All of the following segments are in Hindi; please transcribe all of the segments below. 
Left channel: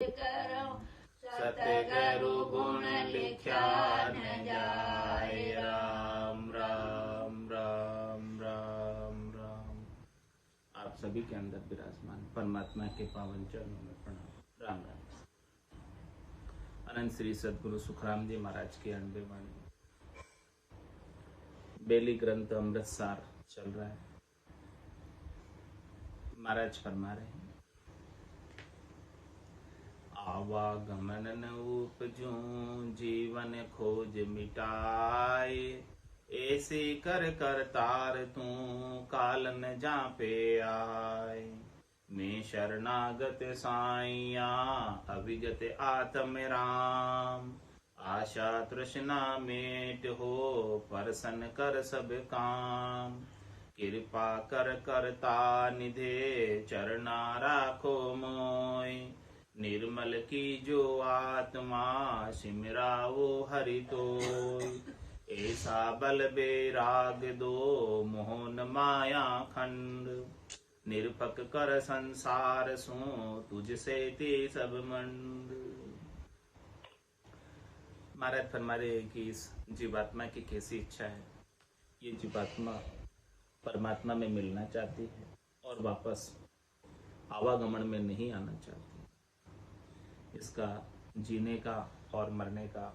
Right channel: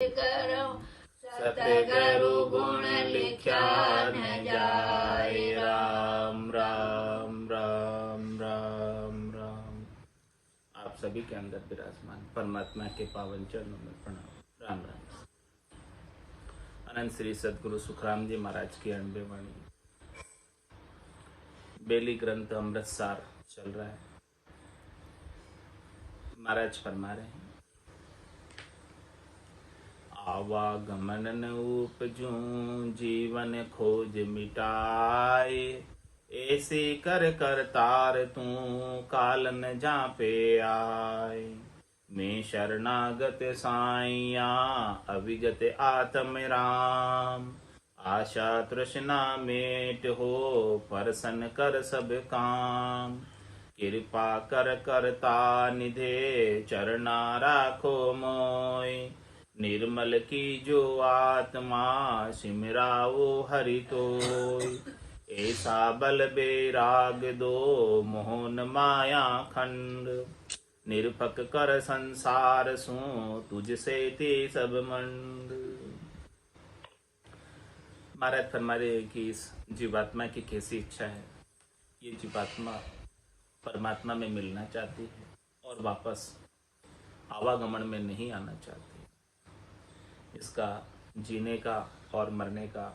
करो सतगुरु गुण लिख्या न जाए। राम राम राम राम राम। आप सभी के अंदर विराजमान परमात्मा के पावन चरणों में प्रणाम। राम राम। अनंत श्री सतगुरु सुखराम जी महाराज की अनबे वाणी बेली ग्रंथ अमृतसार चल रहा है। महाराज फरमा रहे हैं, आवागमन न उपजूं जीवन खोज मिटाए। ऐसे कर कर तार तू काल न जा पे आए। मैं शरणागत साइया अविगत आत्म राम। आशा तृष्णा मेट हो परसन कर सब काम। कृपा कर करता निधे चरना राखो मोय। निर्मल की जो आत्मा सिमराओ हरि तोय। ऐसा बल बेराग दो मोहन माया खंड। निरपक कर संसार सो तुझसे ते सब मंड। महाराज फरमा रहे हैं कि इस जीवात्मा की कैसी इच्छा है। ये जीवात्मा परमात्मा में मिलना चाहती है और वापस आवागमन में नहीं आना चाहती। इसका जीने का और मरने का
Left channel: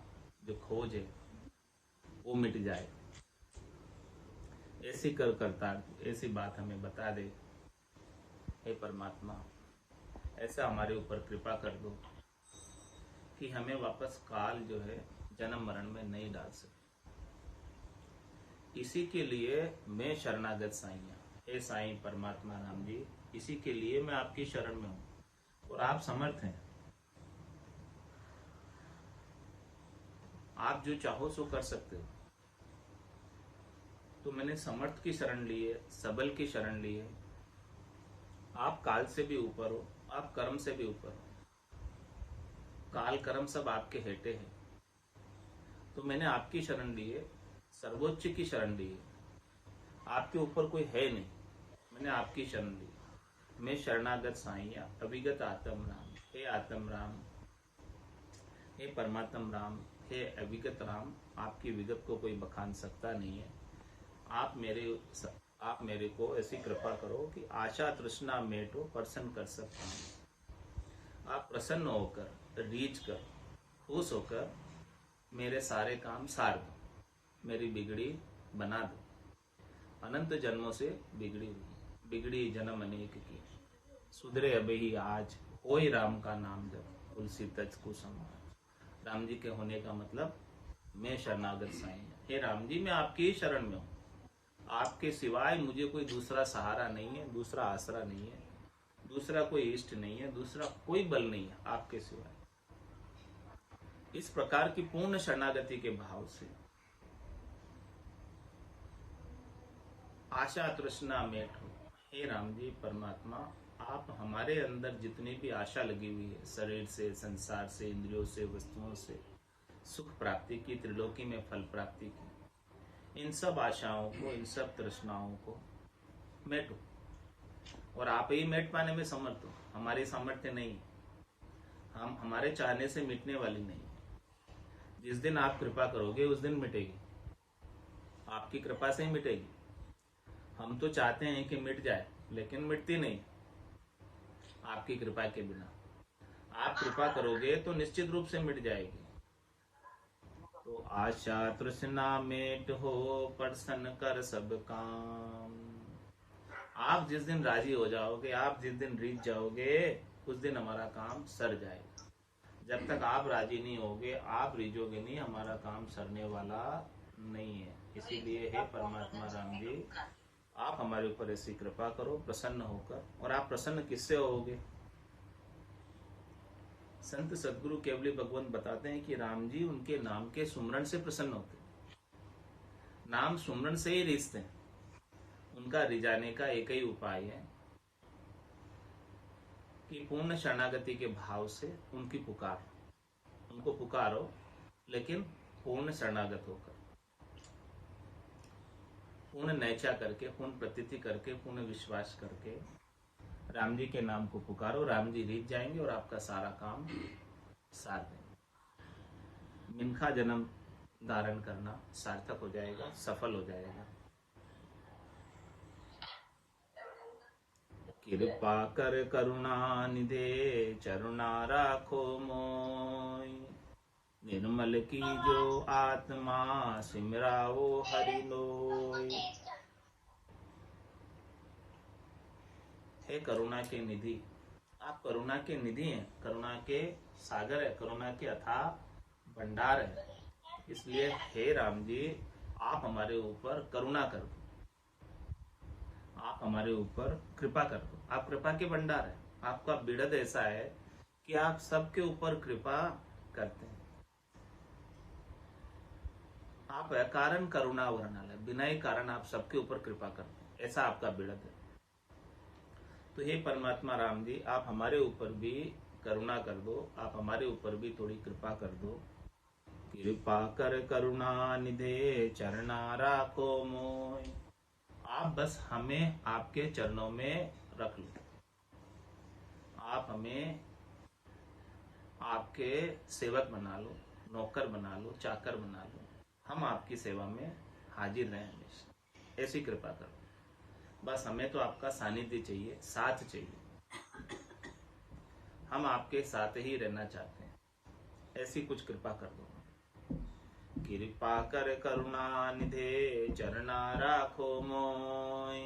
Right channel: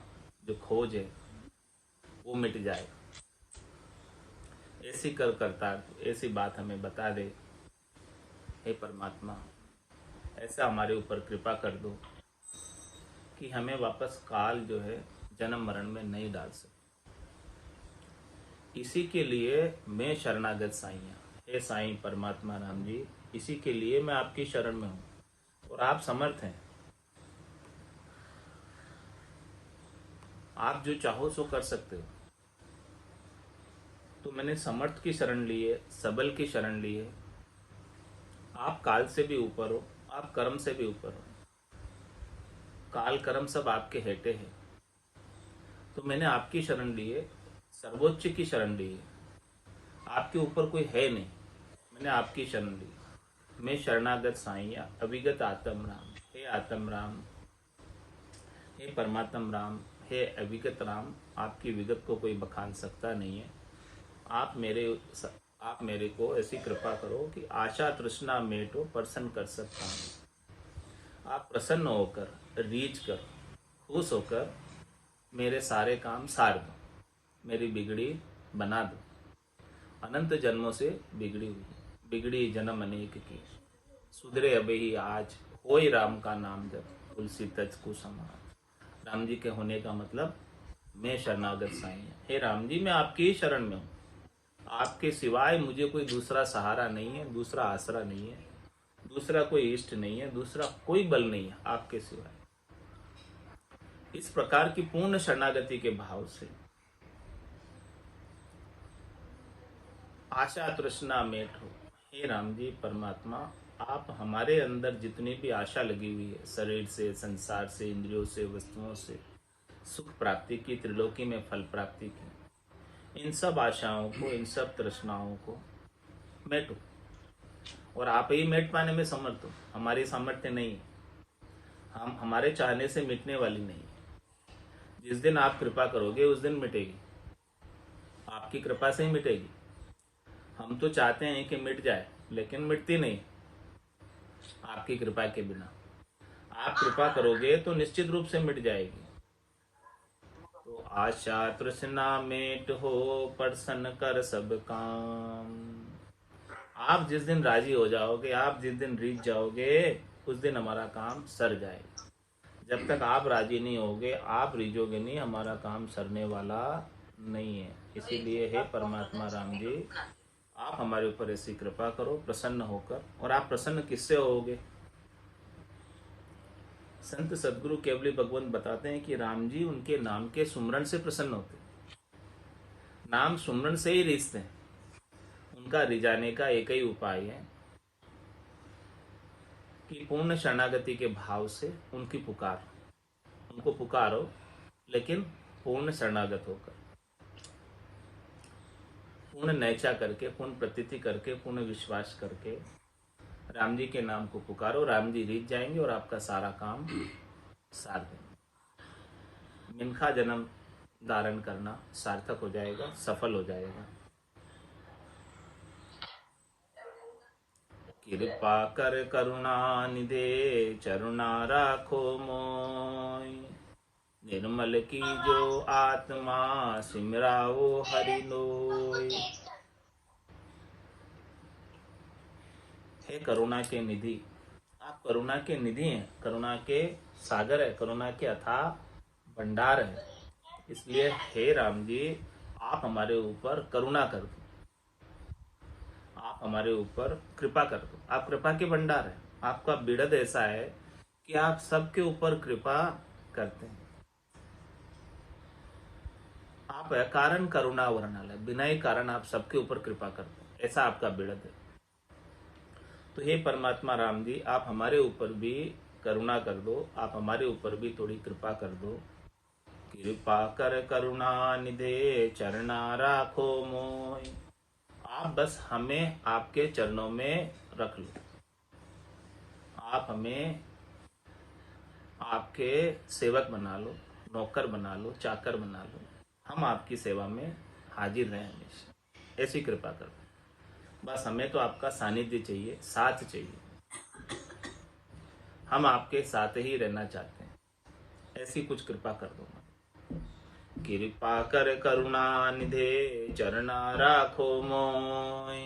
जो खोज है वो मिट जाए। ऐसी कर करता ऐसी बात हमें बता दे। हे परमात्मा, ऐसा हमारे ऊपर कृपा कर दो कि हमें वापस काल जो है जन्म मरण में नहीं डाल सके। इसी के लिए मैं शरणागत साईं। हे साईं परमात्मा राम जी, इसी के लिए मैं आपकी शरण में हूँ और आप समर्थ हैं। आप जो चाहो सो कर सकते हो। तो मैंने समर्थ की शरण ली है, सबल की शरण ली है। आप काल से भी ऊपर हो, आप कर्म से भी ऊपर हो। काल कर्म सब आपके हेटे हैं। तो मैंने आपकी शरण ली है, सर्वोच्च की शरण ली है। आपके ऊपर कोई है नहीं, मैंने आपकी शरण ली। मैं शरणागत साईया अविगत आत्म राम। हे आत्म राम, हे परमात्म राम, हे अविगत राम, आपकी विगत को कोई बखान सकता नहीं है। आप मेरे को ऐसी कृपा करो कि आशा तृष्णा मेटो प्रसन्न कर सकता हूँ। आप प्रसन्न होकर, रीझ कर, खुश होकर मेरे सारे काम सार दो, मेरी बिगड़ी बना दो। अनंत जन्मों से बिगड़ी जन्म अनेक की। सुधरे अबे ही आज, होय राम का नाम जब, तुलसी तज को समाज। राम जी के होने का मतलब मैं शरणागत साईं। हे राम जी, मैं आपकी ही शरण में हूँ। आपके सिवाय मुझे कोई दूसरा सहारा नहीं है, दूसरा आसरा नहीं है, दूसरा कोई इष्ट नहीं है, दूसरा कोई बल नहीं है आपके सिवाय। इस प्रकार की पूर्ण शरणागति के भाव से आशा तृष्णा मेट हो। हे राम जी परमात्मा, आप हमारे अंदर जितनी भी आशा लगी हुई है, शरीर से, संसार से, इंद्रियों से, वस्तुओं से सुख प्राप्ति की, त्रिलोकी में फल प्राप्ति की, इन सब आशाओं को, इन सब तृष्णाओं को मेटो। और आप ही मेट पाने में समर्थ हो। हमारी सामर्थ्य नहीं है, हम हमारे चाहने से मिटने वाली नहीं। जिस दिन आप कृपा करोगे उस दिन मिटेगी, आपकी कृपा से ही मिटेगी। हम तो चाहते हैं कि मिट जाए, लेकिन मिटती नहीं आपकी कृपा के बिना। आप कृपा करोगे तो निश्चित रूप से मिट जाएगी। तो आशा तृष्णा मेट हो, प्रसन्न कर सब काम। आप जिस दिन राजी हो जाओगे, आप जिस दिन रीझ जाओगे, उस दिन हमारा काम सर जाएगा। जब तक आप राजी नहीं होगे, आप रीझोगे नहीं, हमारा काम सरने वाला नहीं है। इसीलिए हे परमात्मा राम जी, आप हमारे ऊपर ऐसी कृपा करो प्रसन्न होकर। और आप प्रसन्न किससे होगे? संत सदगुरु केवली भगवंत बताते हैं कि राम जी उनके नाम के सुमरण से प्रसन्न होते। नाम सुमरण से ही रिश्ते हैं। उनका रिझाने का एक ही उपाय है कि पूर्ण शरणागति के भाव से उनकी पुकार, उनको पुकारो, लेकिन पूर्ण शरणागत होकर, पूर्ण नैचा करके, पूर्ण प्रतीति करके, पूर्ण विश्वास करके। राम जी के नाम को पुकारो, राम जी रीझ जाएंगे और आपका सारा काम सार देंगे। मिनखा जन्म धारण करना सार्थक हो जाएगा, सफल हो जाएगा। कृपा कर करुणा निधे चरुणा राखो मोय, निर्मल की जो आत्मा सिमराओ हरि लोय। हे करुणा के निधि, आप करुणा के निधि हैं, करुणा के सागर है, करुणा के अथाह भंडार है। इसलिए हे राम जी, आप हमारे ऊपर करुणा कर दो, आप हमारे ऊपर कृपा कर दो। आप कृपा के भंडार है, आपका बिड़द ऐसा है कि आप सबके ऊपर कृपा करते हैं। आप कारण करुणा वर्णल है, बिना ही कारण आप सबके ऊपर कृपा करते हैं, ऐसा आपका बिड़द है। तो हे परमात्मा राम जी, आप हमारे ऊपर भी करुणा कर दो, आप हमारे ऊपर भी थोड़ी कृपा कर दो। कृपा कर करुणा निधे चरना राखो मोय, आप बस हमें आपके चरणों में रख लो, आप हमें आपके सेवक बना लो, नौकर बना लो, चाकर बना लो, हम आपकी सेवा में हाजिर रहें हमेशा, ऐसी कृपा करो। बस हमें तो आपका सानिध्य चाहिए, साथ चाहिए, हम आपके साथ ही रहना चाहते हैं, ऐसी कुछ कृपा कर दो। कृपा कर करुणा निधे चरना राखो मोय,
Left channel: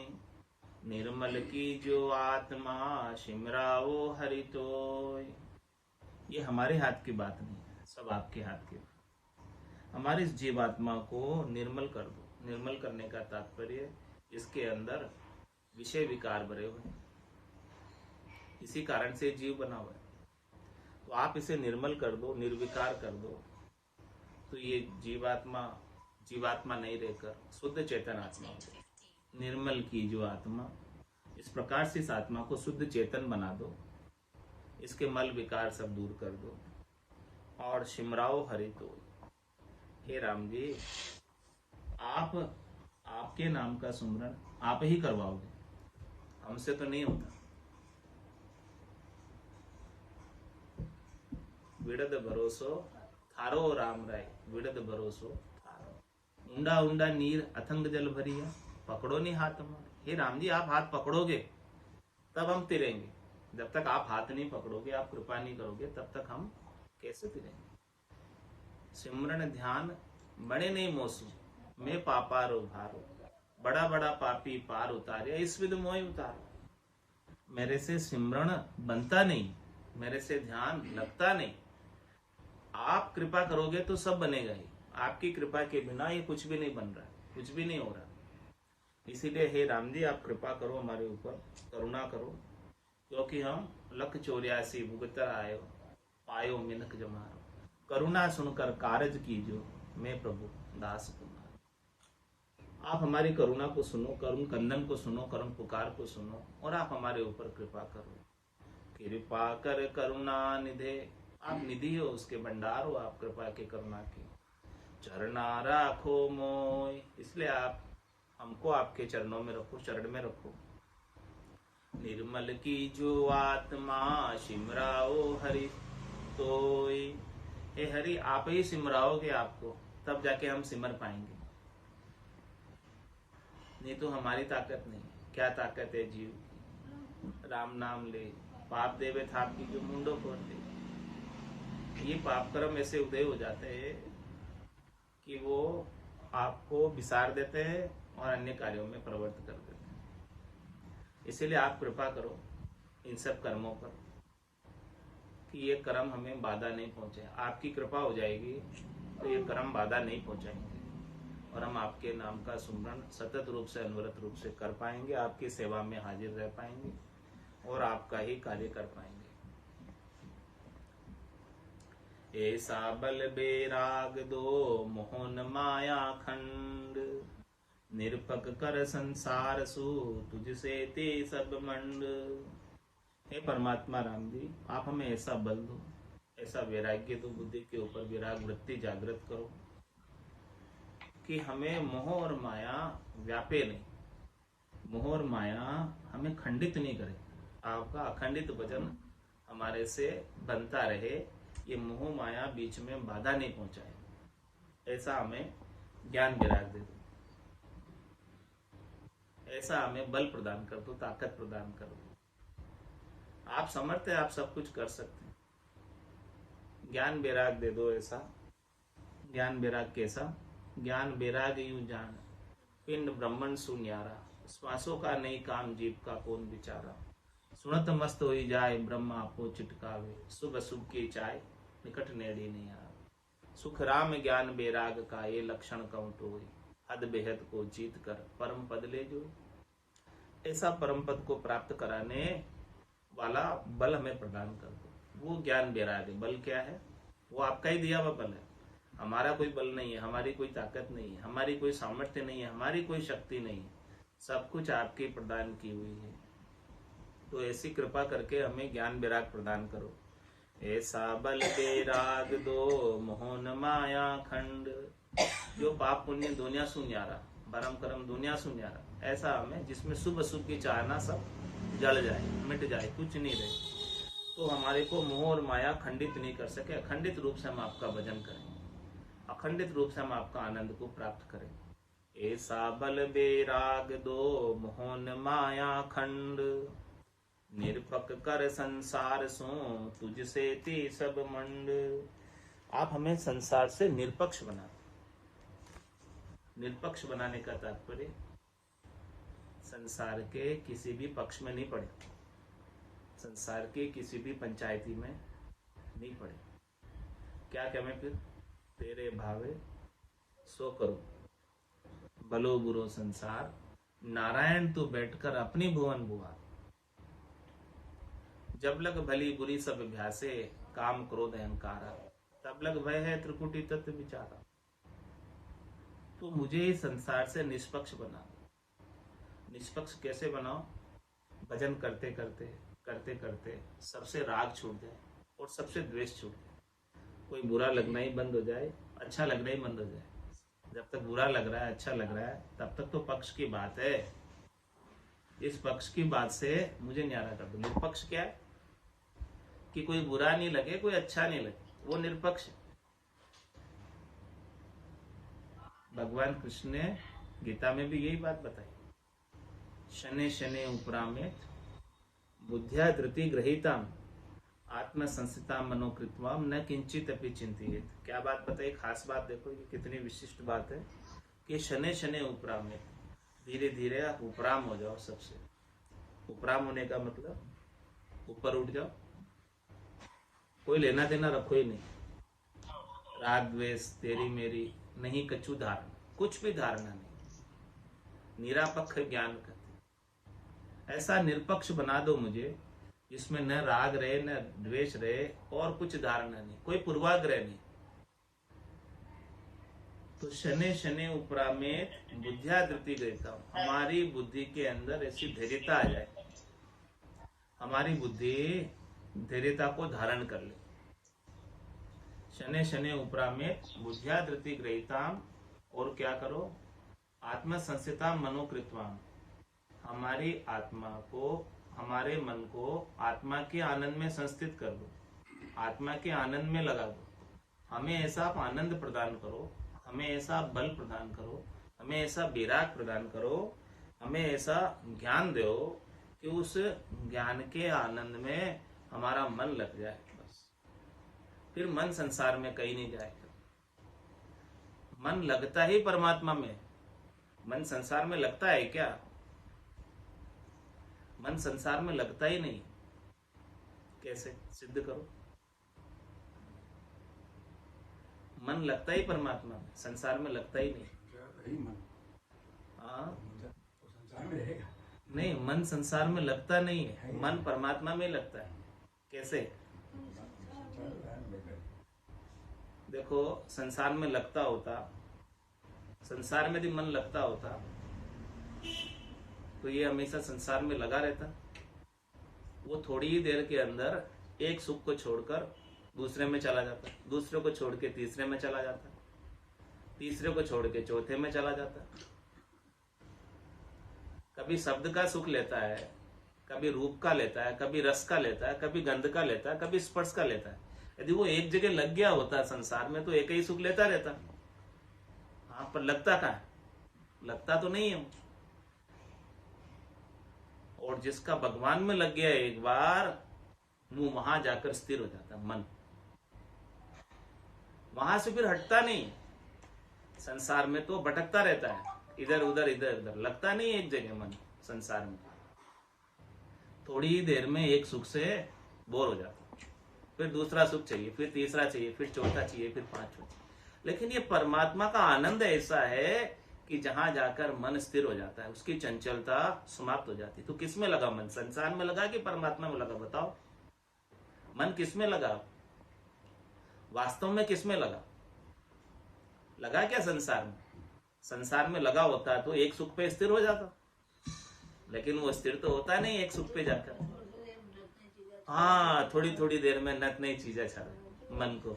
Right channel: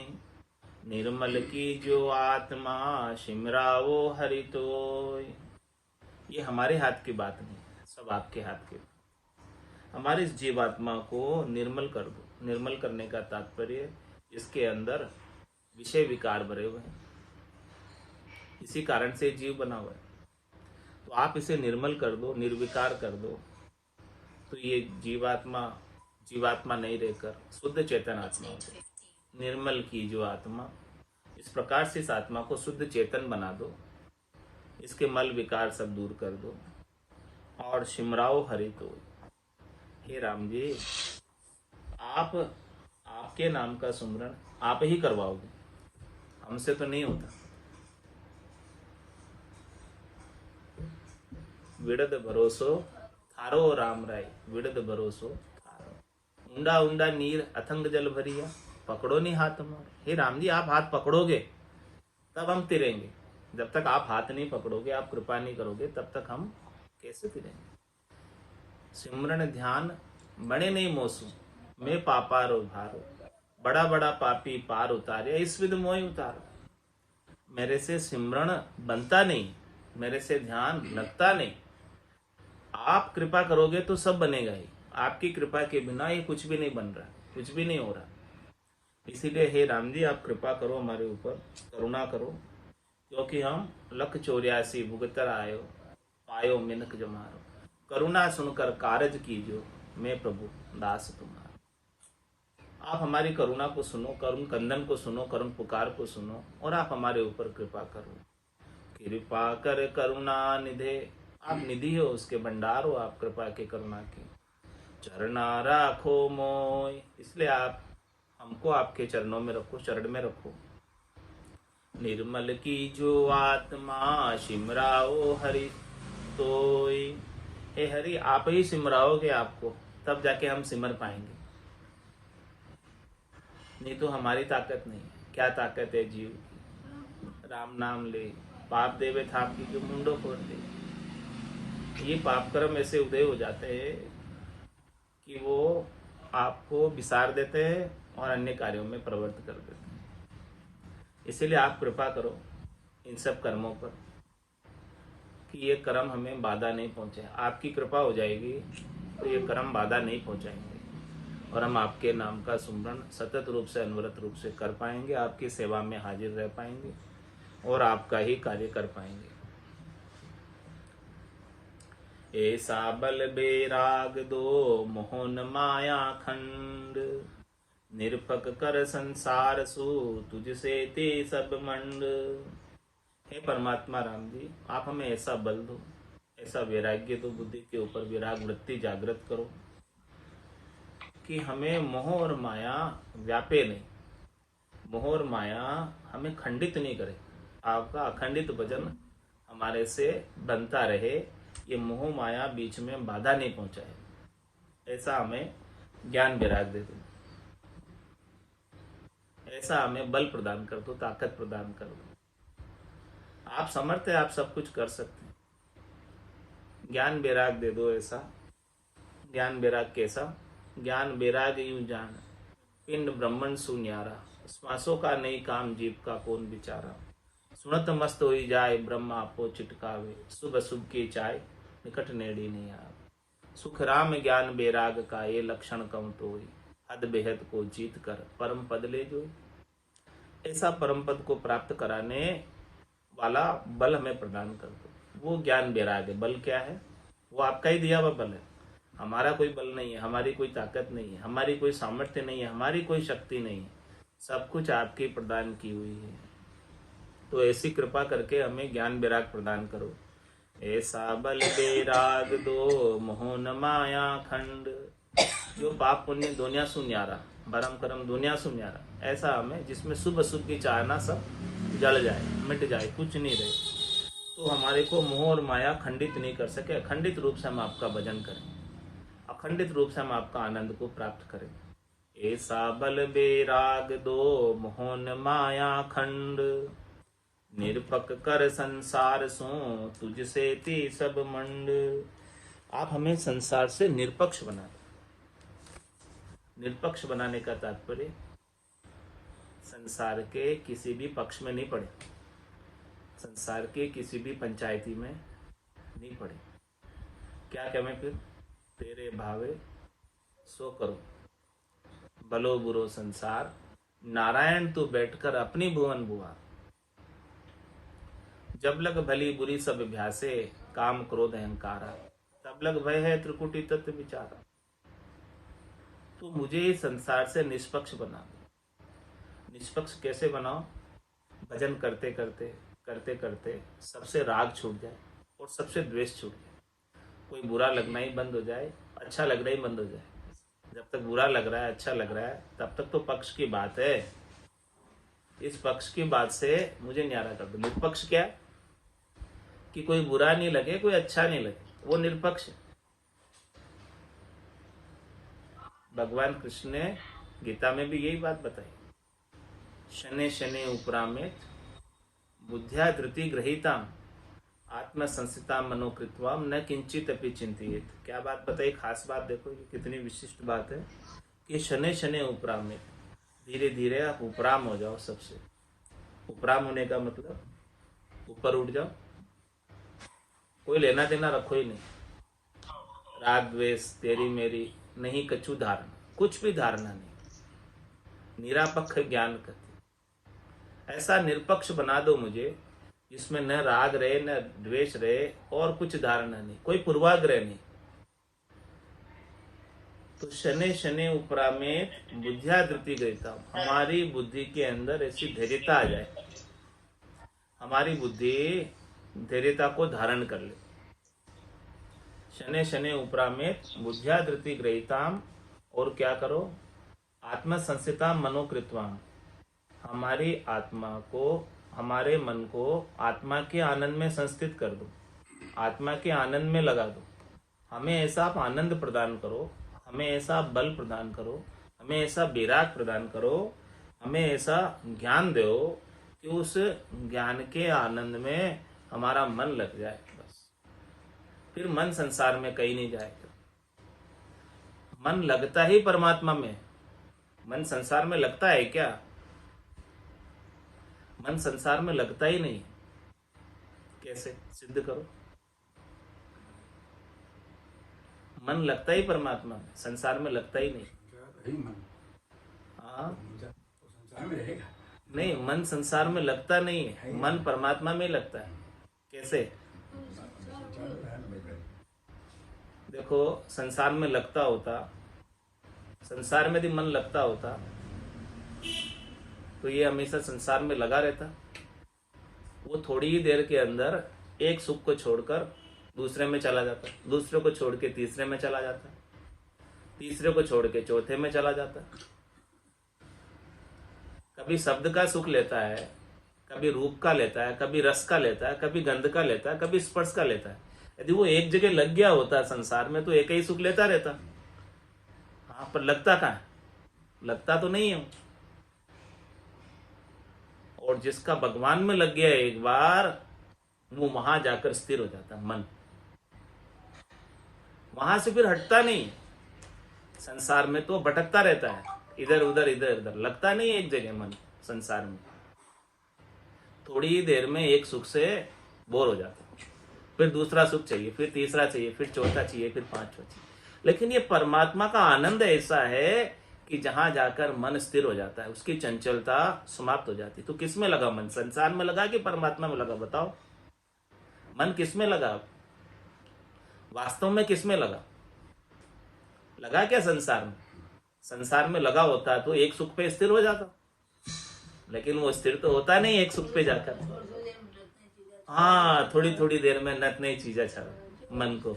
निर्मल की जो आत्मा सिमराओ हरि तोय। ये हमारे हाथ की बात नहीं है, सब आपके हाथ की। हमारे इस जीवात्मा को निर्मल कर दो। निर्मल करने का तात्पर्य, इसके अंदर विषय विकार भरे हुए हैं, इसी कारण से जीव बना हुआ है। तो आप इसे निर्मल कर दो, निर्विकार कर दो, तो ये जीवात्मा नहीं रहकर शुद्ध चेतन आत्मा हो जाए। निर्मल की जो आत्मा, इस प्रकार से इस आत्मा को शुद्ध चेतन बना दो, इसके मल विकार सब दूर कर दो और सिमराओ हरि तो। हे राम जी, आप आपके नाम का सुमरण आप ही करवाओगे, हमसे तो नहीं होता। विड़द भरोसो थारो राम राय, विड़द भरोसो थारो। ऊंडा ऊंडा नीर अथंग जल भरिया, पकड़ो नहीं हाथ हमारे। हे राम जी, आप हाथ पकड़ोगे तब हम तिरेंगे, जब तक आप हाथ नहीं पकड़ोगे, आप कृपा नहीं करोगे, तब तक हम कैसे तिरेंगे। सिमरन ध्यान बड़े नहीं मोसू, मैं पापारो भारो, बड़ा बड़ा पापी पार उतारे, इस विध मोह उतारो। मेरे से सिमरन बनता नहीं, मेरे से ध्यान लगता नहीं, आप कृपा करोगे तो सब बनेगा ही, आपकी कृपा के बिना ये कुछ भी नहीं बन रहा, कुछ भी नहीं हो रहा। इसीलिए हे राम जी, आप कृपा करो हमारे ऊपर, करुणा करो, क्योंकि हम 184 भुगतर आयो, पायो मिनक जमारो, करुणा सुनकर कारज कीजो, मैं प्रभु दास तुम्हारा। आप हमारी करुणा को सुनो, करुण कंदन को सुनो, करुण पुकार को सुनो, और आप हमारे ऊपर कृपा करो। कृपा कर करुणा निधे, आप निधि हो, उसके भंडार हो, आप कृपा के करुणा के। चरना राखो मोय, इसलिए आप हमको आपके चरणों में रखो, चरण में रखो। निर्मल की जो आत्मा सिमराओ हरि तोय, हे हरि, आप ही सिमराओगे आपको, तब जाके हम सिमर पाएंगे, नहीं तो हमारी ताकत नहीं है। क्या ताकत है जीव की? राम नाम ले पाप देवे था आपकी जो मुंडो फोड़ दे। ये पाप कर्म ऐसे उदय हो जाते हैं कि वो आपको विसार देते हैं और अन्य कार्यों में प्रवृत्त कर देते हैं। इसीलिए आप कृपा करो इन सब कर्मों पर कि ये कर्म हमें बाधा नहीं पहुंचे। आपकी कृपा हो जाएगी तो ये कर्म बाधा नहीं पहुंचाएंगे और हम आपके नाम का सुमरण सतत रूप से, अनवरत रूप से कर पाएंगे, आपकी सेवा में हाजिर रह पाएंगे और आपका ही कार्य कर पाएंगे। ऐसा बल बेराग दो मोहन माया खंड, निरपक कर संसार सु तुझसे ते सब मंड। हे परमात्मा राम जी, आप हमें ऐसा बल दो, ऐसा वैराग्य दो, बुद्धि के ऊपर विराग वृत्ति जागृत करो कि हमें मोह और माया व्यापे नहीं, मोह और माया हमें खंडित नहीं करे। आपका अखंडित भजन हमारे से बनता रहे, ये मोह माया बीच में बाधा नहीं पहुंचाए, ऐसा हमें ज्ञान वैराग दे दो, ऐसा हमें बल प्रदान कर दो, ताकत प्रदान कर दो। आप समर्थ है, आप सब कुछ कर सकते हैं, ज्ञान वैराग दे दो ऐसा। ज्ञान वैराग कैसा? ज्ञान वैराग यूं जान, पिंड ब्रह्मण सुन्यारा, श्वासों का नहीं काम जीव का कौन विचारा। सुनत मस्त होई जाए ब्रह्म आपो चिटकावे, शुभ अशुभ की चाय निकट नेड़ी नहीं आवे। सुख राम ज्ञान वैराग का ये लक्षण कम तोई, हद बेहद को जीत कर परम पद ले जोई। ऐसा परम पद को प्राप्त कराने वाला बल हमें प्रदान कर दो, वो ज्ञान वैराग है। बल क्या है? वो आपका ही दिया हुआ बल है, हमारा कोई बल नहीं है, हमारी कोई ताकत नहीं है, हमारी कोई सामर्थ्य नहीं है, हमारी कोई शक्ति नहीं है, सब कुछ आपकी प्रदान की हुई है। तो ऐसी कृपा करके हमें ज्ञान वैराग प्रदान करो। ऐसा बल वैराग दो मोहन माया खंड, जो पाप पुण्य दुनिया सुन्यारा, भरम करम दुनिया सुन्यारा, ऐसा हमें जिसमें शुभ अशुभ की चाहना सब जल जाए, मिट जाए, कुछ नहीं रहे, तो हमारे को मोह और माया खंडित नहीं कर सके। अखंडित रूप से हम आपका भजन करें, अखंडित रूप से हम आपका आनंद को प्राप्त करें। ऐसा बल वैराग दो मोहन माया खंड, निरपक कर संसार सो तुझसे ती सब मंड। आप हमें संसार से निरपक्ष बना दो। निरपक्ष बनाने का तात्पर्य संसार के किसी भी पक्ष में नहीं पड़े, संसार के किसी भी पंचायती में नहीं पड़े। क्या कहें फिर? तेरे भावे सो करो, भलो बुरो संसार, नारायण तू बैठकर अपनी भुवन बुआ। जब लग भली बुरी सब अभ्यासे, काम क्रोध अहंकारा, तब लग भय है त्रिकुटी तत्व विचारा। तो मुझे इस संसार से निष्पक्ष बना दो। निष्पक्ष कैसे बनाओ? भजन करते करते करते करते सबसे राग छूट जाए और सबसे द्वेष छूट जाए, कोई बुरा लगना ही बंद हो जाए, अच्छा लगना ही बंद हो जाए। जब तक बुरा लग रहा है, अच्छा लग रहा है, तब तक तो पक्ष की बात है। इस पक्ष की बात से मुझे न्यारा कर दो। निष्पक्ष क्या है? कि कोई बुरा नहीं लगे, कोई अच्छा नहीं लगे, वो निष्पक्ष है। भगवान कृष्ण ने गीता में भी यही बात बताई, शने शने उपरामेत बुद्ध्या धृति ग्रहीताम आत्म संस्थिता मनोकृत्वाम न किंचित अपि चिंतित। क्या बात बताई? खास बात देखो, ये कितनी विशिष्ट बात है कि शने शने उपरामेत, धीरे धीरे आप उपराम हो जाओ सबसे। उपराम होने का मतलब ऊपर उठ जाओ, कोई लेना देना रखो ही नहीं, राग द्वेष तेरी मेरी नहीं, कछु धारणा, कुछ भी धारणा नहीं, निरापक्ष ज्ञान करते। ऐसा निरपक्ष बना दो मुझे जिसमें न राग रहे, न द्वेष रहे, और कुछ धारणा नहीं, कोई पूर्वाग्रह नहीं। तो शने शने उपरा में बुद्धिया धृति गईता, हमारी बुद्धि के अंदर ऐसी धैर्यता आ जाए, हमारी बुद्धि धैर्यता को धारण कर ले। शने शने उपरा में बुद्धिया धृति ग्रहिताम, और क्या करो? आत्मा संस्थिता मनोकृतवाम, हमारी आत्मा को, हमारे मन को आत्मा के आनंद में संस्थित कर दो, आत्मा के आनंद में लगा दो। हमें ऐसा आप आनंद प्रदान करो, हमें ऐसा बल प्रदान करो, हमें ऐसा वैराग प्रदान करो, हमें ऐसा ज्ञान दो कि उस ज्ञान के आनंद में हमारा मन लग जाए। बस फिर मन संसार में कहीं नहीं जाएगा। मन लगता ही परमात्मा में, मन संसार में लगता है क्या? मन संसार में लगता ही नहीं। कैसे सिद्ध करो? मन लगता ही परमात्मा में, संसार में लगता ही नहीं। हाँ, नहीं, मन संसार में लगता नहीं है, मन परमात्मा में लगता है। कैसे? देखो, संसार में लगता होता, संसार में यदि मन लगता होता तो ये हमेशा संसार में लगा रहता। वो थोड़ी ही देर के अंदर एक सुख को छोड़कर दूसरे में चला जाता, दूसरे को छोड़ के तीसरे में चला जाता, तीसरे को छोड़ के चौथे में चला जाता। कभी शब्द का सुख लेता है, कभी रूप का लेता है, कभी रस का लेता है, कभी गंध का लेता है, कभी स्पर्श का लेता है। यदि वो एक जगह लग गया होता संसार में तो एक ही सुख लेता रहता। हाँ, पर लगता कहाँ है? लगता तो नहीं है। और जिसका भगवान में लग गया एक बार, वो वहां जाकर स्थिर हो जाता मन, वहां से फिर हटता नहीं। संसार में तो भटकता रहता है, इधर उधर इधर उधर, लगता नहीं एक जगह मन संसार में। थोड़ी ही देर में एक सुख से बोर हो जाता, फिर दूसरा सुख चाहिए, फिर तीसरा चाहिए, फिर चौथा चाहिए, फिर पांचवा चाहिए। लेकिन ये परमात्मा का आनंद ऐसा है कि जहां जाकर मन स्थिर हो जाता है, उसकी चंचलता समाप्त हो जाती। तो किस में लगा मन? संसार में लगा कि परमात्मा में लगा? बताओ, मन किस में लगा? वास्तव में किस में लगा? लगा क्या संसार में? संसार में लगा होता तो एक सुख पे स्थिर हो जाता, लेकिन वो स्थिर तो होता नहीं एक सुख पे जाकर। हाँ, थोड़ी थोड़ी देर में नत नई चीजें छड़ा मन को,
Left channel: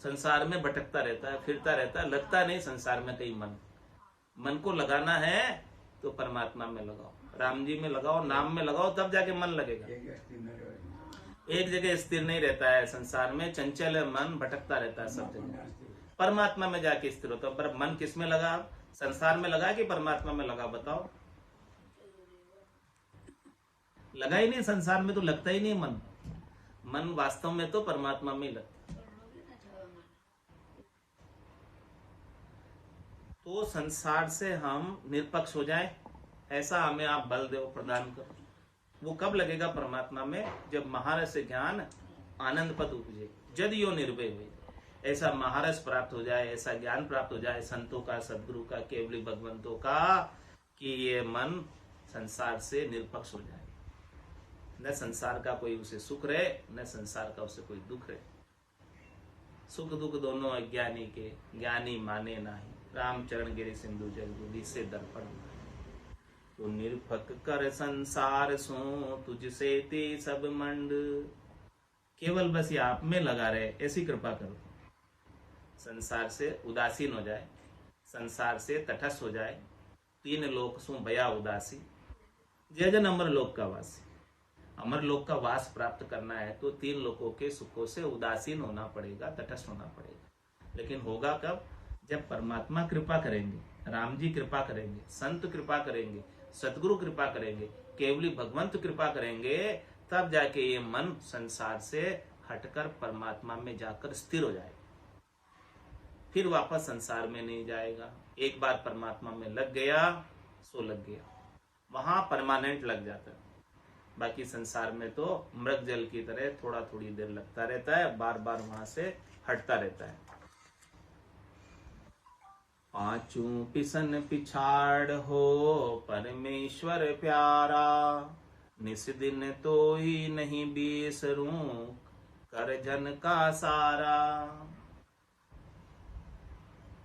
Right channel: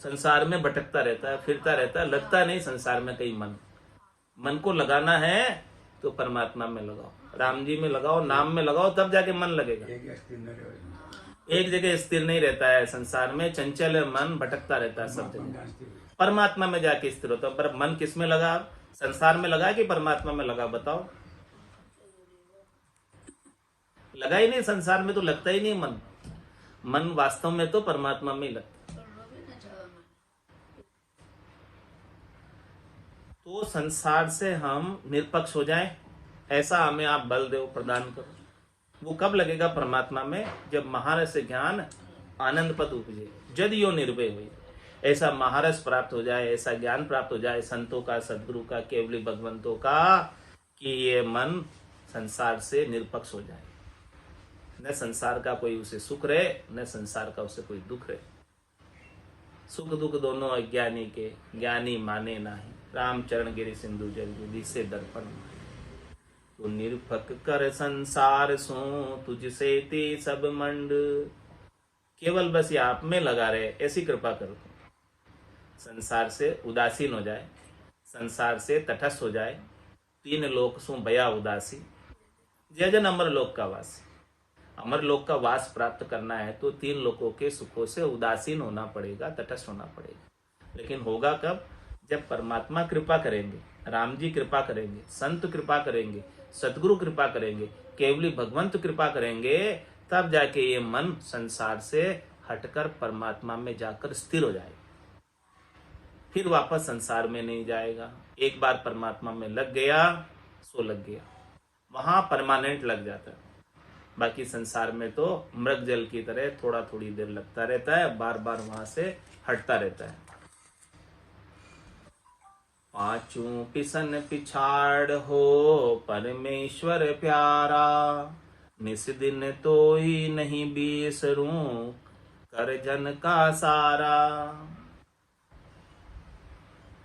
संसार में भटकता रहता है, फिरता रहता है, लगता नहीं संसार में कहीं मन। मन को लगाना है तो परमात्मा में लगाओ, राम जी में लगाओ, नाम में लगाओ, तब जाके मन लगेगा। एक जगह स्थिर नहीं रहता है संसार में, चंचल है मन, भटकता रहता है सब जगह। परमात्मा में जाके स्थिर होता है। पर मन किस में लगा? संसार में लगा कि परमात्मा में लगा? बताओ। लगा ही नहीं संसार में, तो लगता ही नहीं मन। मन वास्तव में तो परमात्मा में ही लगता। तो संसार से हम निरपक्ष हो जाएं, ऐसा हमें आप बल दो, प्रदान करो। वो कब लगेगा परमात्मा में? जब महारस ज्ञान आनंद पद उपजे, जद यो निर्भय हुई। ऐसा महारस प्राप्त हो जाए, ऐसा ज्ञान प्राप्त हो जाए संतों का, सदगुरु का, केवली भगवंतों का, कि ये मन संसार से निरपक्ष हो जाए। न संसार का कोई उसे सुख रहे, न संसार का उसे कोई दुख रहे। सुख दुख दोनों अज्ञानी के, ज्ञानी माने नाही। राम चरण गिरि सिंधु जल बुद्धि से दर्पण। तू निरपक कर संसार सो, तुझसे ते सब मंड। केवल बस ये आप में लगा रहे, ऐसी कृपा करो। संसार से उदासीन हो जाए, संसार से तटस्थ हो जाए। तीन लोक सु बया उदासी, जय जन अमर लोक का वास। अमर लोक का वास प्राप्त करना है तो तीन लोकों के सुखों से उदासीन होना पड़ेगा, तटस्थ होना पड़ेगा। लेकिन होगा कब? जब परमात्मा कृपा करेंगे, राम जी कृपा करेंगे, संत कृपा करेंगे, सतगुरु कृपा करेंगे, केवली भगवंत कृपा करेंगे, तब जाके ये मन संसार से हटकर परमात्मा में जाकर स्थिर हो जाएगा। फिर वापस संसार में नहीं जाएगा। एक बार परमात्मा में लग गया सो लग गया, वहां परमानेंट लग जाता है। बाकी संसार में तो मृग जल की तरह थोड़ा थोड़ी देर लगता रहता है, बार बार वहां से हटता रहता है। पांचों पिसन पिछाड़ हो परमेश्वर प्यारा, निस दिन तो ही नहीं बिसरूं कर जन का सारा।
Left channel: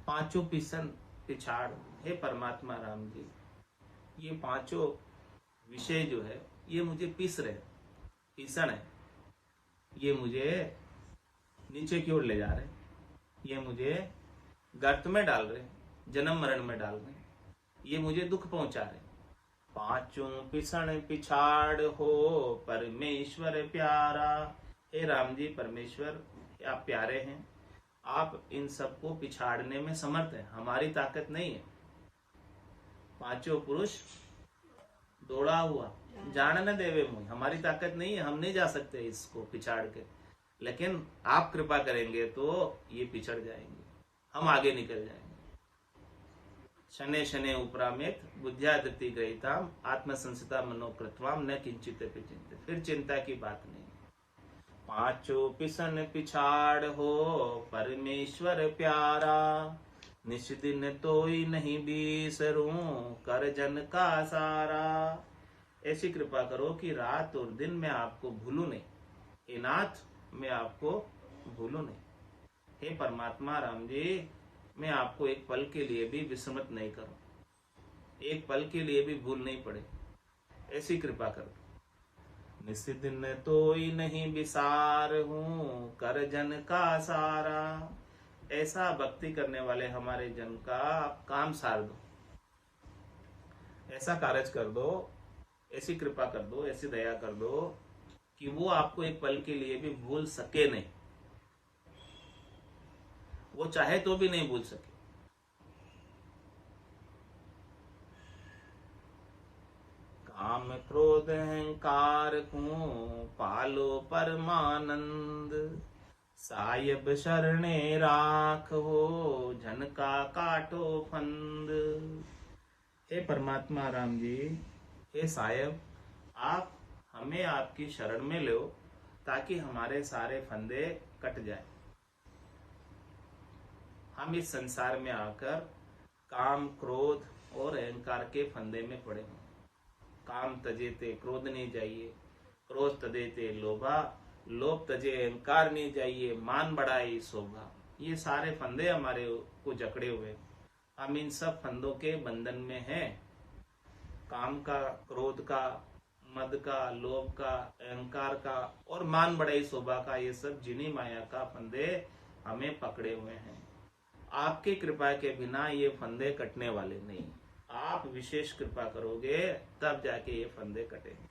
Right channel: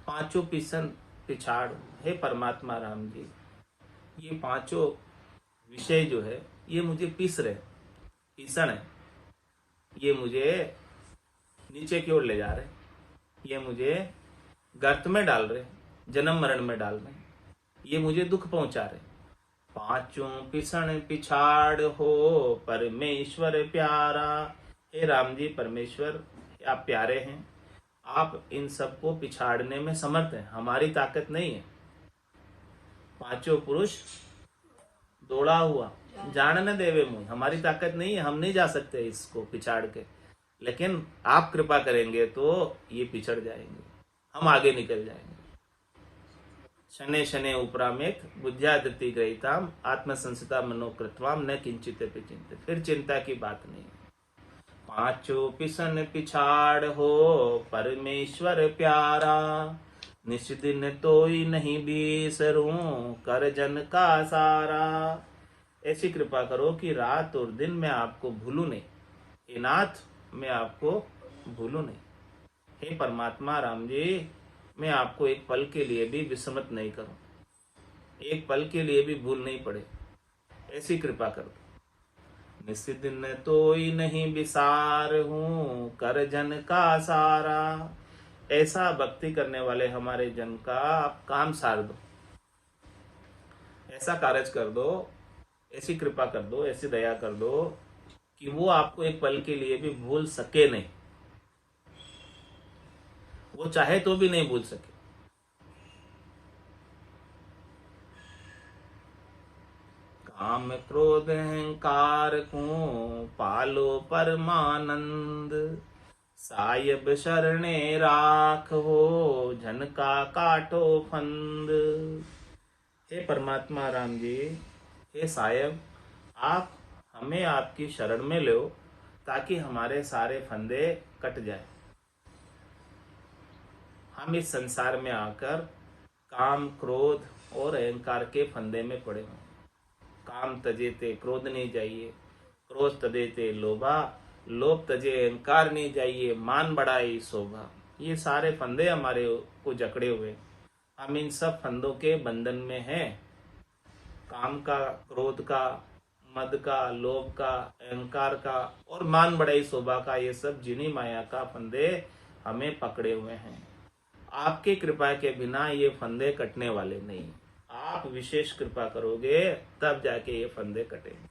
पांचों पिसन पिछाड़, हे परमात्मा राम जी, ये पांचों विषय जो है ये मुझे पीस रहे, पीसन है, ये मुझे नीचे की ओर ले जा रहे, ये मुझे गर्त में डाल रहे, जन्म मरण में डाल रहे, ये मुझे दुख पहुंचा रहे। पांचों पिसन पिछाड़ हो परमेश्वर प्यारा। हे राम जी, परमेश्वर आप प्यारे हैं, आप इन सबको पिछाड़ने में समर्थ हैं, हमारी ताकत नहीं है। पांचों पुरुष दौड़ा हुआ जान न देवे मुझ, हमारी ताकत नहीं है, हम नहीं जा सकते इसको पिछाड़ के। लेकिन आप कृपा करेंगे तो ये पिछड़ जाएंगे, हम आगे निकल जाएंगे। शने शने उपरामेत बुद्ध्यादिति ग्रहिताम आत्मसंसिता मनोकृतवाम न किंचित चिंतित। फिर चिंता की बात नहीं है। पांचों पिसन पिछाड़ हो परमेश्वर प्यारा, निश दिन तोई नहीं बिसरूं कर जन का सारा। ऐसी कृपा करो कि रात और दिन मैं आपको भूलूं नहीं, हे नाथ मैं आपको भूलूं नहीं। हे परमात्मा राम जी, मैं आपको एक पल के लिए भी विस्मृत नहीं करूं, एक पल के लिए भी भूल नहीं पड़े, ऐसी कृपा करो। निस दिन तोई नहीं बिसार हूं कर जन का सारा। ऐसा भक्ति करने वाले हमारे जन का आप काम सार दो, ऐसा कार्य कर दो ऐसी कृपा कर दो, ऐसी दया कर दो कि वो आपको एक पल के लिए भी भूल सके नहीं, वो चाहे तो भी नहीं भूल सके। काम क्रोध अहंकार को पालो परमानंद, साहिब शरणे राख हो झन का काटो फंद। हे परमात्मा राम जी, हे साहिब, आप हमें आपकी शरण में लो ताकि हमारे सारे फंदे कट जाए। हम इस संसार में आकर काम क्रोध और अहंकार के फंदे में पड़े हों। काम तजे ते क्रोध नहीं जाइए, क्रोध तजे ते लोभा, लोभ तजे अहंकार नहीं जाइए, मान बढ़ाई शोभा। ये सारे फंदे हमारे को जकड़े हुए, हम इन सब फंदों के बंधन में हैं। काम का, क्रोध का, मद का, लोभ का, अहंकार का और मान बढ़ाई शोभा का, ये सब जिनी माया का फंदे हमें पकड़े हुए हैं। आपकी कृपा के बिना ये फंदे कटने वाले नहीं। आप विशेष कृपा करोगे तब जाके ये फंदे कटेंगे।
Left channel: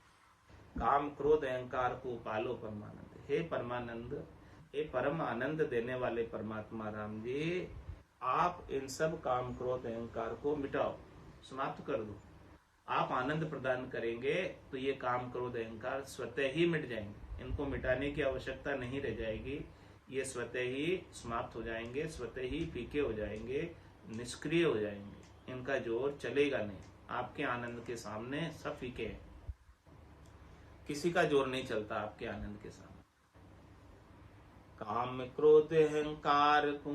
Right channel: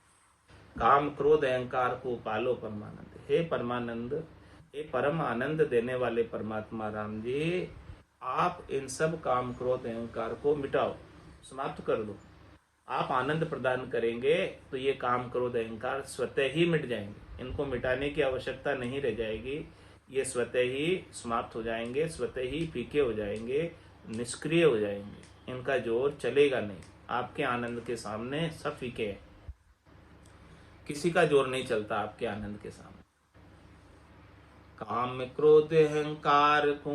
काम क्रोध अहंकार को पालो परमानंद। हे परमानंद, हे परम आनंद देने वाले परमात्मा राम जी, आप इन सब काम क्रोध अहंकार को मिटाओ, समाप्त कर दो। आप आनंद प्रदान करेंगे तो ये काम क्रोध अहंकार स्वतः ही मिट जाएंगे। इनको मिटाने की आवश्यकता नहीं रह जाएगी, ये स्वतः ही समाप्त हो जाएंगे, स्वतः ही फीके हो जाएंगे, निष्क्रिय हो जाएंगे। इनका जोर चलेगा नहीं। आपके आनंद के सामने सब फीके हैं, किसी का जोर नहीं चलता आपके आनंद के सामने। काम क्रोध अहंकार को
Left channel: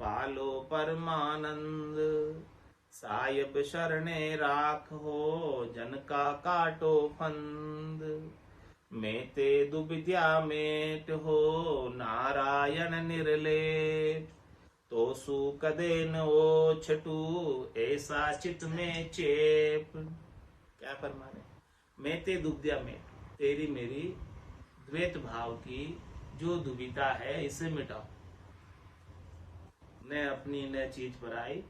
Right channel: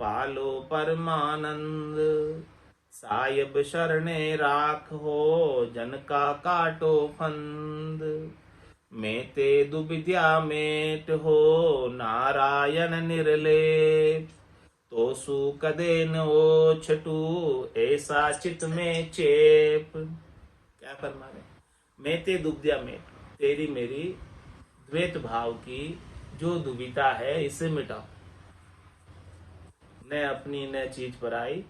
पालो परमानंद, साहिब शरणे राख हो जन का काटो फंद। मैं ते दुविद्या मेट हो नारायण निर्लेप, तो सु कदे न ओ छटू ऐसा चित में चेप। क्या फरमा रहे? मैं ते दुविद्या मेट, तेरी मेरी द्वैत भाव की जो दुविधा है इसे मिटाओ। न अपनी न चीज पराई,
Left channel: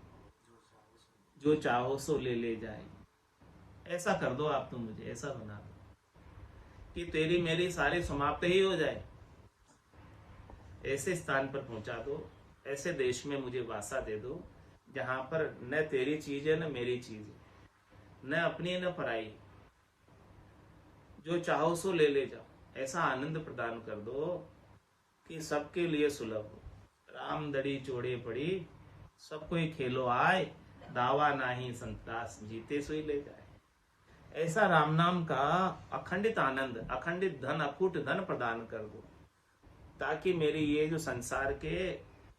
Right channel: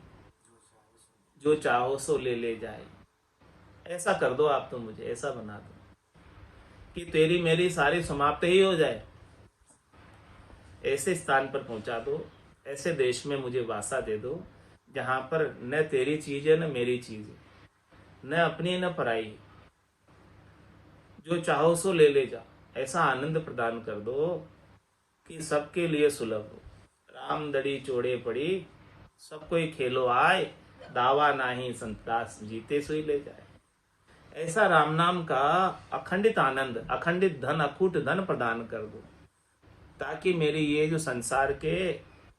जो चाहो सो ले ले जाए। ऐसा कर दो आप, तो मुझे ऐसा बना दो कि तेरी मेरी सारी समाप्त ही हो जाए। ऐसे स्थान पर पहुंचा दो, ऐसे देश में मुझे वासा दे दो जहां पर न तेरी चीज है न मेरी चीज है, न अपनी न पराई, जो चाहो सो ले ले जाओ। ऐसा आनंद प्रदान कर दो कि सबके लिए सुलभ हो। राम दड़ी चोड़े पड़ी, सब कोई खेलो आए, दावा नाही संतास जीते सोई ले जाए। ऐसा राम नाम का अखंडित आनंद, अखंडित धन, अकूट धन प्रदान कर दो ताकि मेरी ये जो संसार के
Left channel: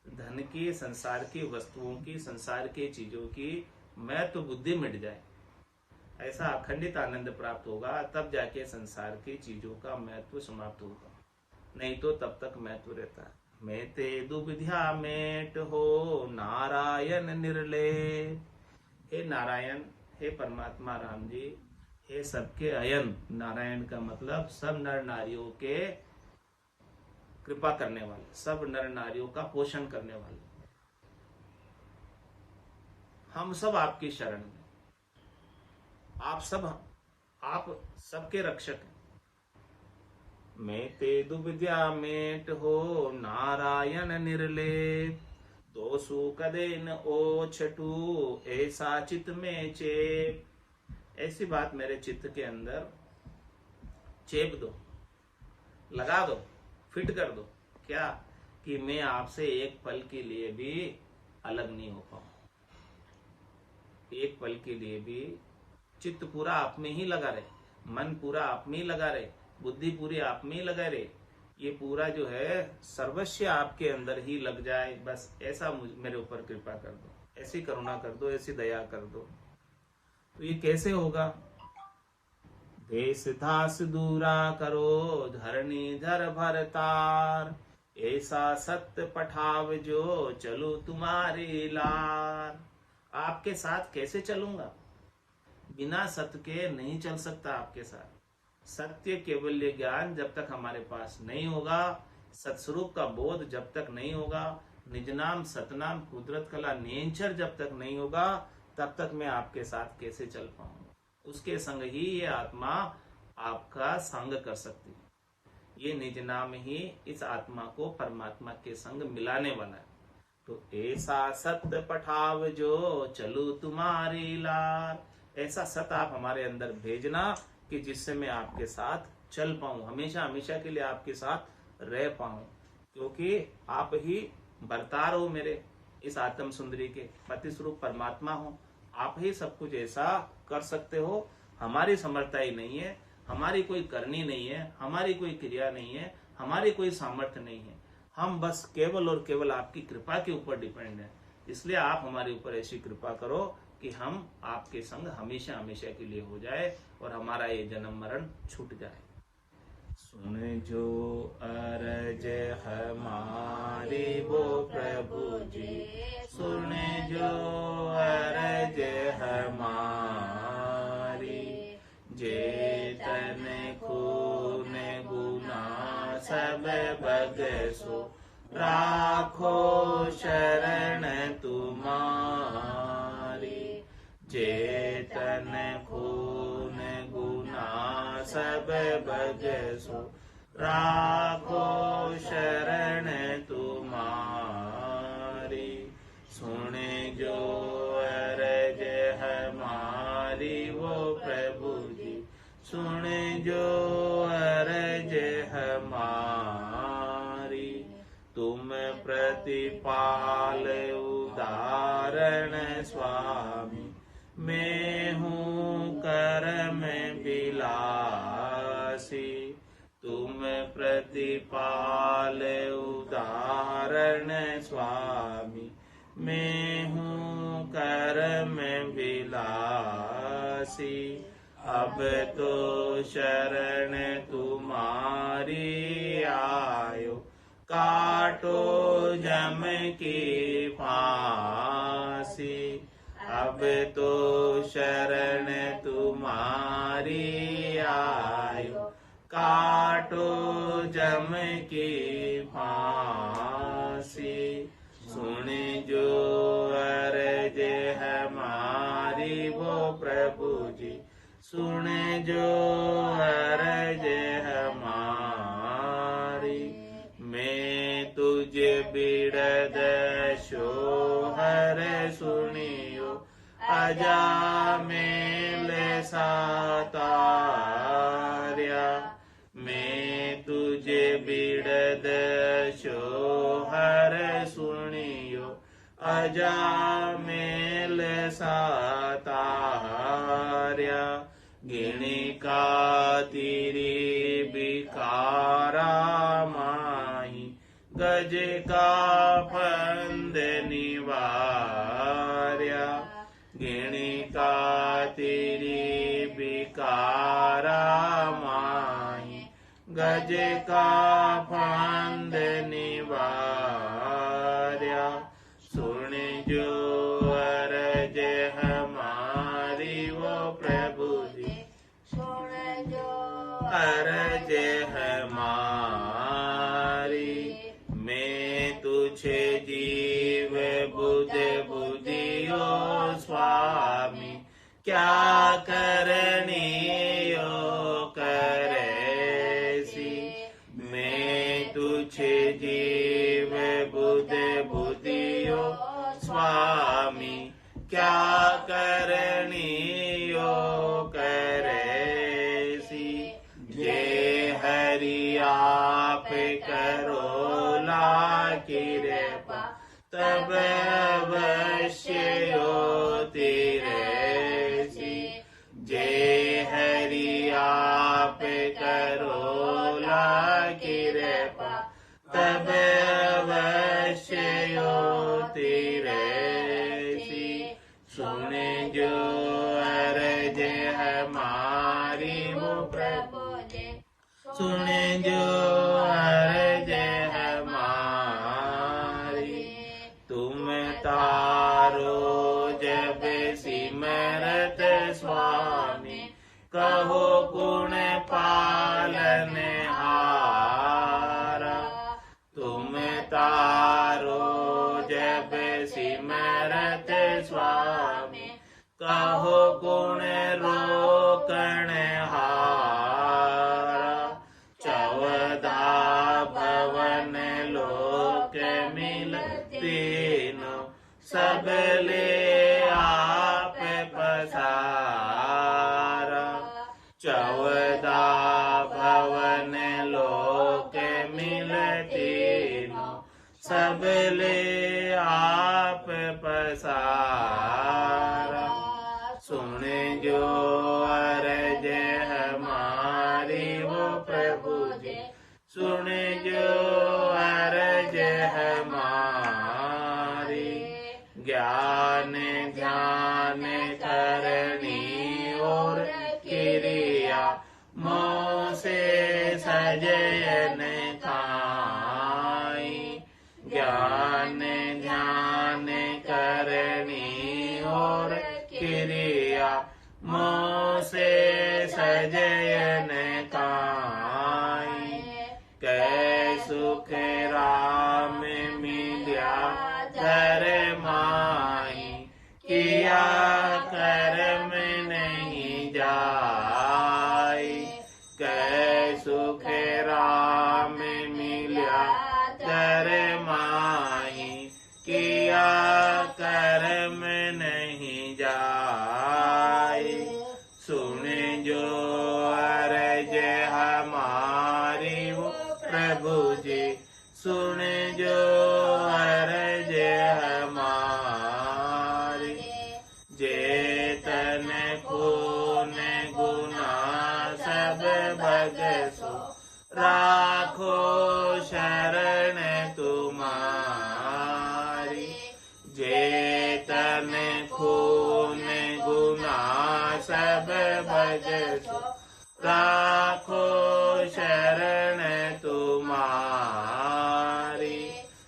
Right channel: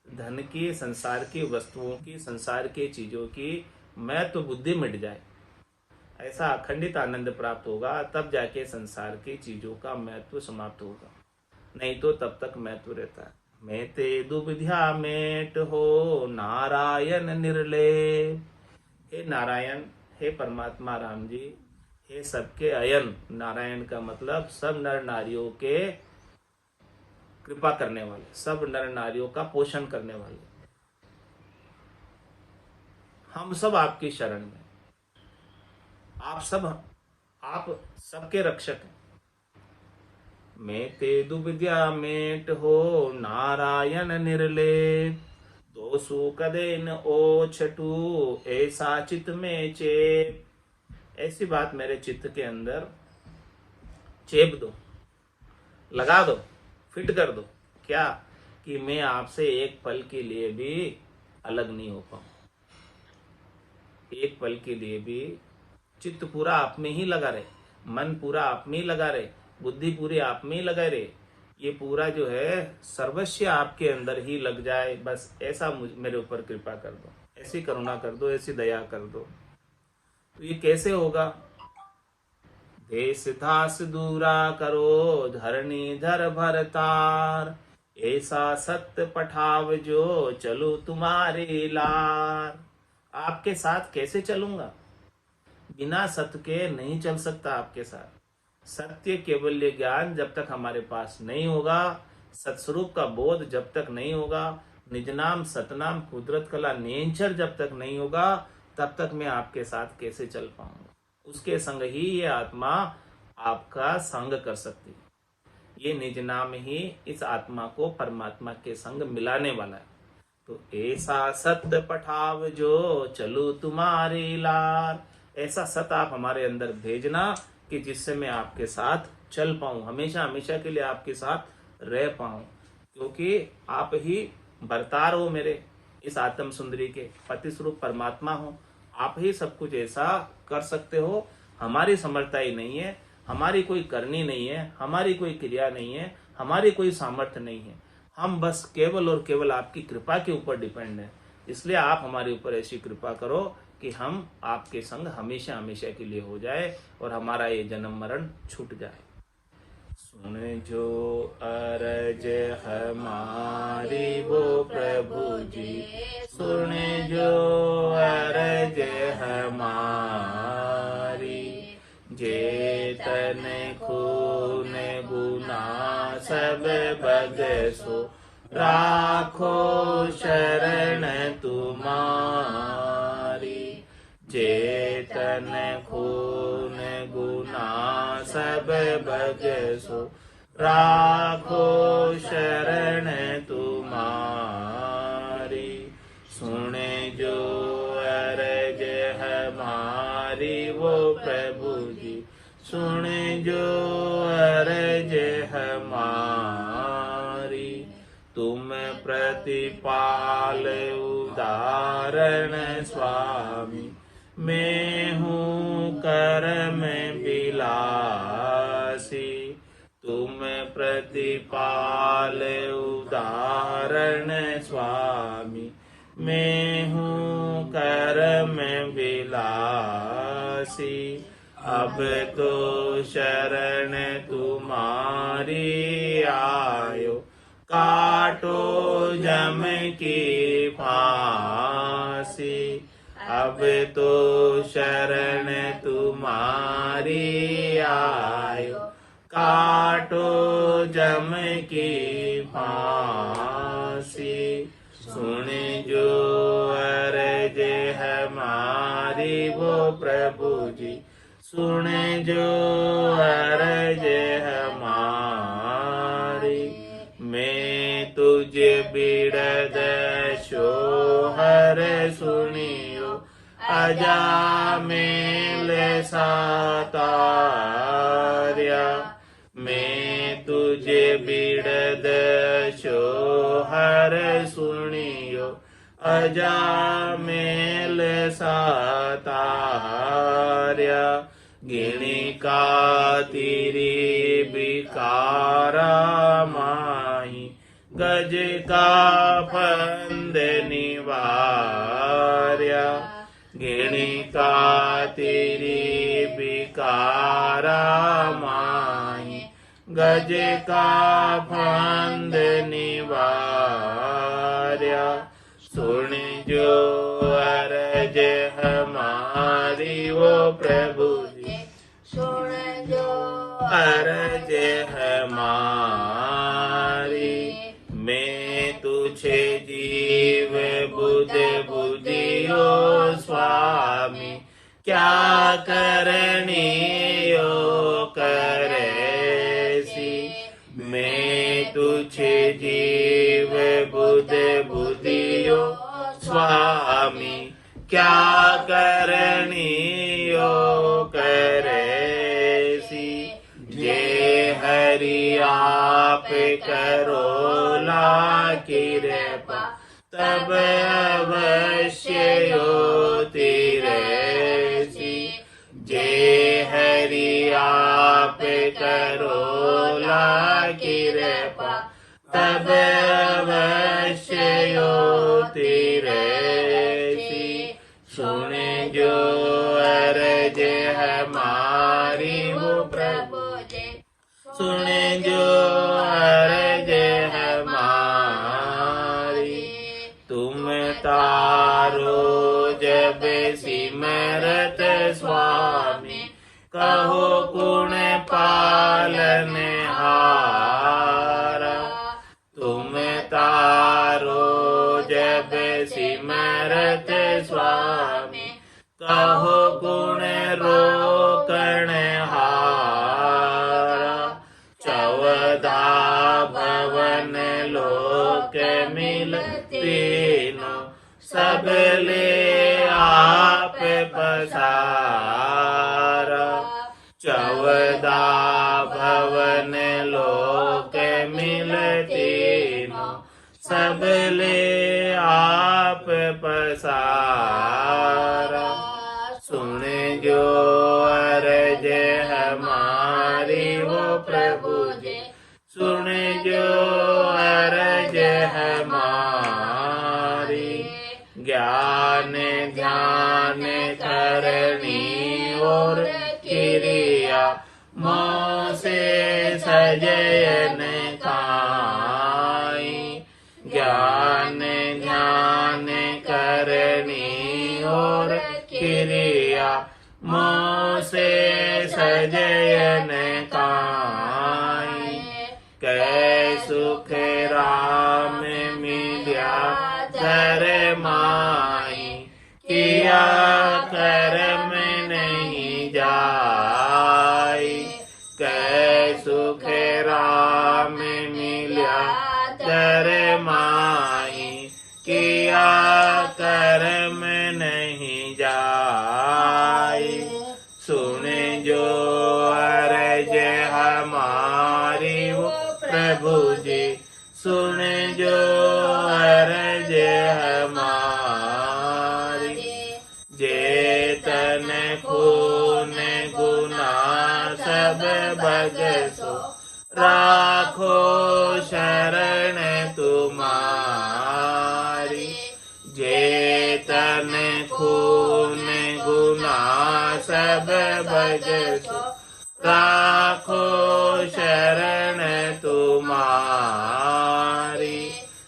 धन की, संसार की वस्तुओं की, संसार की चीजों की मैं तो बुद्धि मिट जाए। ऐसा अखंडित आनंद प्राप्त होगा तब जाके संसार की चीजों का महत्व समाप्त होगा, नहीं तो तब तक महत्व रहता है। मैं ते दुविधा मेट हो नारायण निर्लेप। हे नारायण, हे परमात्मा राम जी, हे सबके अयन। नारायण का मतलब सब नर नारियों के कृपा करने वाले, सब नर नारियों का पोषण करने वाले। हम सब आपकी शरण में, आप सबके रक्षक हैं। मैं ते दुविद्या मेट हो नारायण निर्लेप, तो सु कदे न ओ छटू ऐसा चित में चेप। ऐसी बात मेरे चित्त के अंदर चेप दो, लगा दो, फिट कर दो। क्या? कि मैं आपसे एक पल के लिए भी अलग नहीं हो पाऊं। एक पल के लिए भी चित्त पूरा आप में ही लगा रहे, मन पूरा आप में ही लगा रहे, बुद्धि पूरी आप में ही लगा रहे, ये पूरा जो है सर्वस्व आपके अंदर ही लग जाए। बस ऐसा मेरे ऊपर कृपा कर दो, ऐसी करुणा कर दो, ऐसी दया कर दो। तो ये कैसे होगा? देश दास दूरा करो धरणी धर भरतार, ऐसा सत्य पठाव जो चलो तुम्हारे लार। आपके साथ कैसे चलूंगा? बिना सत्य के नहीं चल सकता आपके साथ। सत्य केवल्य ज्ञान जब तक हमारे पास नहीं होगा, सत्स्वरूप का बोध जब तक नहीं होगा, निज नाम सतनाम कुदरत कला नेंचर जब तक नहीं होगा, तब तक मैं आपके साथ कैसे चल पाऊंगा? उसके संग ही ये आत्मा आपका संग कर सकती है। ये निज नाम ही इस आत्मा को परमात्मा के संग मिलाने वाला है। तो ऐसा सत्य पठाव जो चलू तुम्हारी लार, ऐसा सत आप हमारे अंदर भेजना कि जिससे मैं आपके साथ चल पाऊं, हमेशा हमेशा के लिए आपके साथ रह पाऊं, क्योंकि आप ही बरतार हो मेरे इस आत्म सुंदरी के, पति स्वरूप परमात्मा हो। आप ही सब कुछ ऐसा कर सकते हो। हमारी समर्थता ही नहीं है, हमारी कोई करनी नहीं है, हमारी कोई क्रिया नहीं है, हमारी कोई सामर्थ्य नहीं है। हम बस केवल और केवल आपकी कृपा के ऊपर डिपेंड है। इसलिए आप हमारे ऊपर ऐसी कृपा करो कि हम आपके संग हमेशा हमेशा के लिए हो जाए और हमारा ये जन्म मरण छूट जाए। सुन जो अरज हमारी वो प्रभु जी, सुन जो अरज हमारी, जेतन खून गुना सब बगसो, राखो शरण तुम्हारी। जेतन खून गुना सब बगसो, राखो शरण तुम्हारी। सुन जो अरज हमारी वो प्रभु जी, सुन जो अरज हमारी। तुम प्रतिपाल उदाहरण स्वामी, मैं हूँ कर्म बिलासी। तुम प्रतिपाल उदाहरण स्वामी, मैं हूँ कर्म बिलासी। अब तो शरण तुम्हारी आयो, काटो जम की फांसी। अब तो शरण तुम्हारी आयो, काटो जम की फांसी। सुन जो अरज हमारी वो प्रभु जी, सुन जो अरज हमारी। मैं तुझे बिड़द सोहर सुनियो, अजामिल सातार्या। मैं तुझे बिड़द सोहर सुनियो, अजामिल सातार्या। गिणी का तेरी बिकारा माही, गज का फंद निवार्या। गिणी का तेरी बिकारा माही, गज का फंद निवार्या। सुन जो अरज हमारी वो प्रभु जी, सुन जो अरज हमारी। मैं तुझे जीव बुध बुधियो स्वामी, क्या करनी यो करेसी। मैं तुझे जीव बुध बुधियो स्वामी, क्या करनी यो करेसी। जे हरि आप करो ला कृपा, तब अवश्य होती रहसी। जे हरि आप करो ला कृपा, तब अवश्य होती रहसी। सुन जो अरज हमारी वो प्रभु जी, सुन जो अरज हमारी। तुम तारो जब सिमरत स्वामी, कहो गुण पालन हारा। तुम तारो जब सिमरत स्वामी, कहो गुण रो के मिल तीनों सबले आप पसारा। 14 भवन लोक मिल तीनों सबले आप पसारा। सुन जो अर्ज हमारी वो प्रभु जी, सुन जो अर्ज हमारी। ज्ञान ध्यान करनी और क्रिया मोह से सजयन खाई। ज्ञान ध्यान करनी और क्रिया मोह से सजयन खाई। कै सुख राम मिल्या धर माही, किया कर्म नहीं जाई। कै सुख राम मिल्या धर माही, किया कर्म नहीं जाई। सुन जो अर्ज हमारी वो प्रभु जी, सुन जो अर्ज हमारी। जेतन खून गुना सब बगसो, राखो शरण तुम्हारी। जेतन खून गुना सब बगसो, राखो शरण तुम्हारी।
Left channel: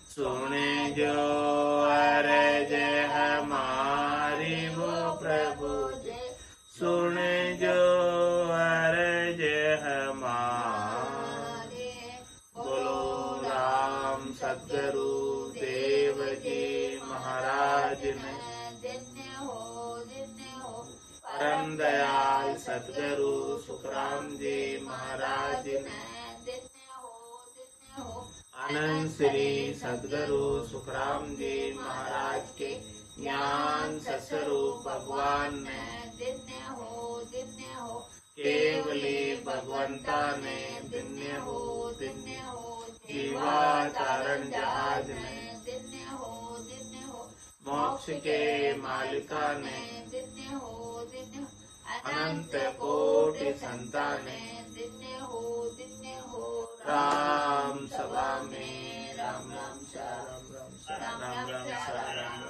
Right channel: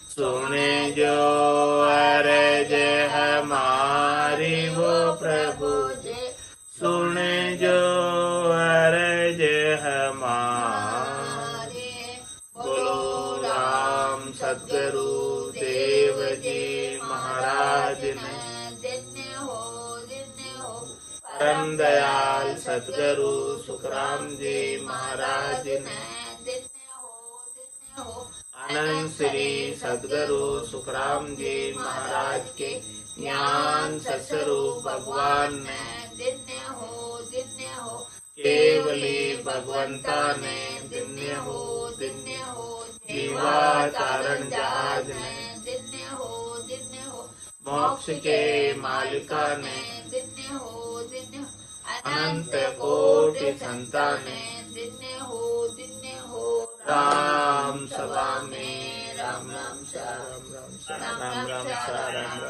सुन जो अर्ज हमारी वो प्रभु जी, सुन जो अर्ज हमारी। बोलो राम सद्गुरु देव जी महाराज ने, परम दयाल सद्गुरु सुखराम जी महाराज ने, अनंत श्री सद्गुरु सुखराम जी महाराज के ज्ञान सत्स्वरूप भगवान ने, केवली भगवंता ने, दिन्य हो जीवाचारण जहाज ने, मोक्ष के मालिका ने, अनंत कोटि संताने। राम सभा में राम राम सा राम राम सा राम राम सा राम राम